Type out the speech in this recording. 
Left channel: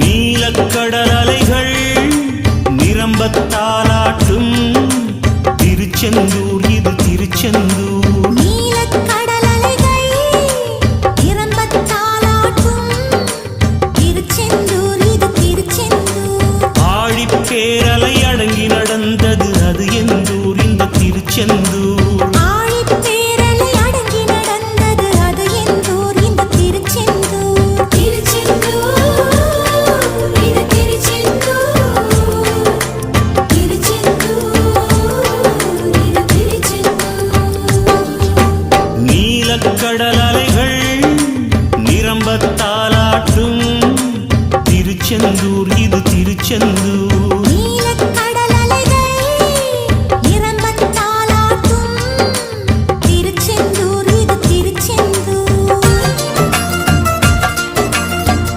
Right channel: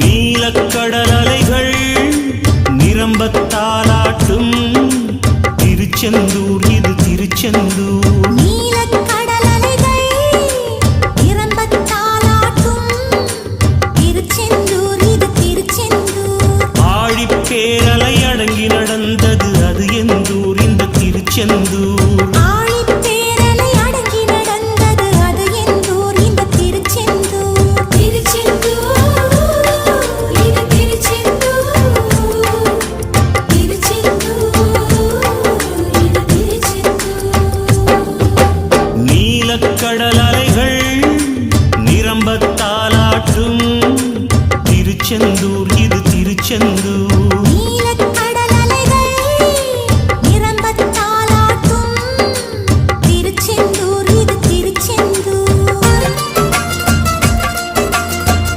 நீலக்கடல் அலைகள் நிரம்பத்தாலாட்டும் திருச்செந்தூர் இது திருச்செந்தூர். நீலக்கடல் அலைகள் நிரம்பத்தாலாட்டும் திருச்செந்தூர் இது திருச்செந்தூர். ஆழிப்பேரலை அடங்கி நடந்தது அது எந்தூர் இந்த திருச்செந்தூர். ஆழிப்பேரலை அடங்கி நடந்தது அது எந்தூர் இந்த திருச்செந்தூர். நீலக்கடல் அலைகள் நிரம்பத்தாலாட்டும் திருச்செந்தூர் இது திருச்செந்தூர்.